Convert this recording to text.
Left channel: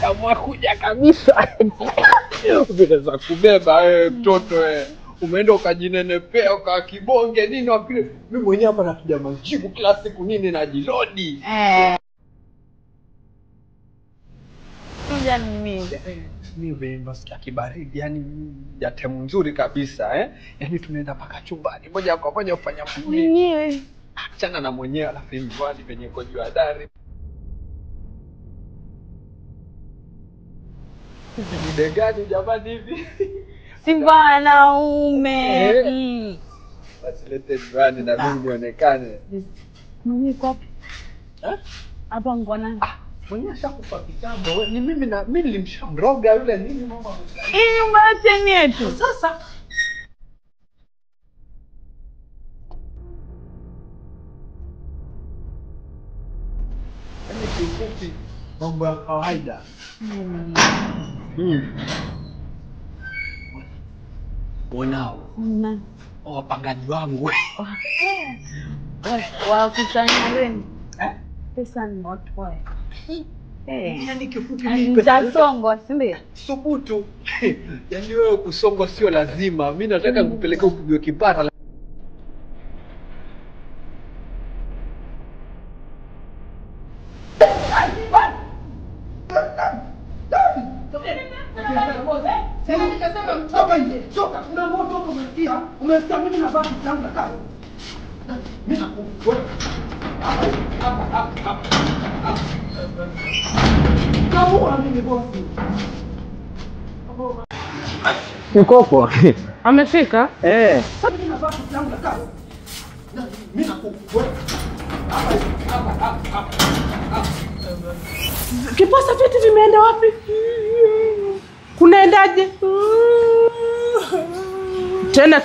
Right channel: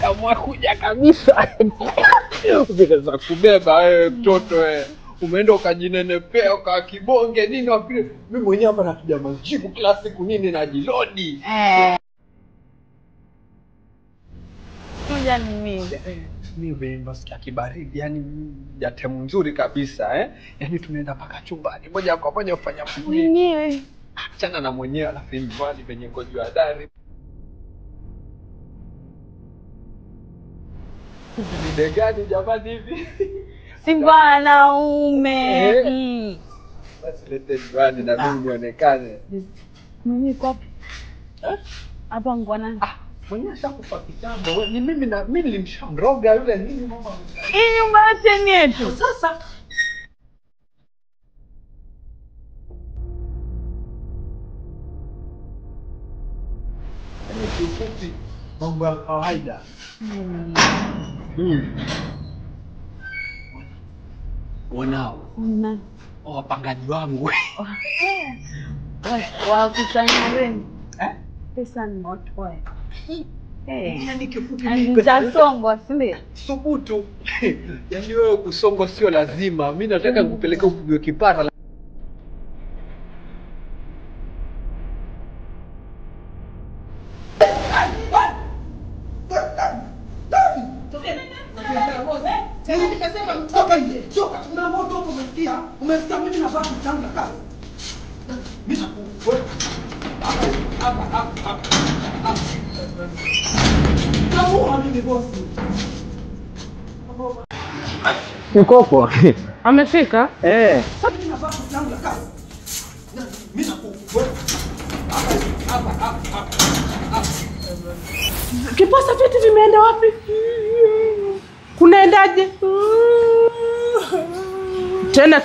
kama kuja kabisa. Vile za kubeba wewe mtoto wewe. Umeenda ukajinenepea ukakibonge nini wakile. Mimi mwenyewe hapa napiga majibu kila siku nini na jilodi. Ngoja mimi. Mimi vimba sikia kibaridi yani jatemu nzuri kabisa yani tunaenda paka chumbani moja kwa moja ufanya mwenyewe. Achana na mwenyewe na nyumbani kwenye kujua ndani. Ni gani jamani hivi? Simba na ume. Basi lete swali na mimi nionekane. Mimi kopi. Hapa ngwana. Mwenye ashakufa kitambo. Ni mimi na mimi nilimshamroga yule nini mama. Hii nyumba yote yetu. Sasa ni kifupi mambo ya kawaida. Wanao. Wapangaji wangu. Wa kusanya reni. Pesa ni moto wewe. Yani kifupi Mtasongo simbe. Subutu. Yani wewe kusongo sio lazima. Mimi nataka nikupeleke ukujue kipara. Sasa nikasema mtoka nje. Toka. Una moto hapo umeingia. Umestamini na baki tangu na kazi. Mimi nakuwa. Kama mimi bosi. Mkoko. Amefika? Sasa mimi na baki tangu na kazi. Mimi nakuwa. Kiposa vitu vimeenda wapi? Kunaendaje? Tena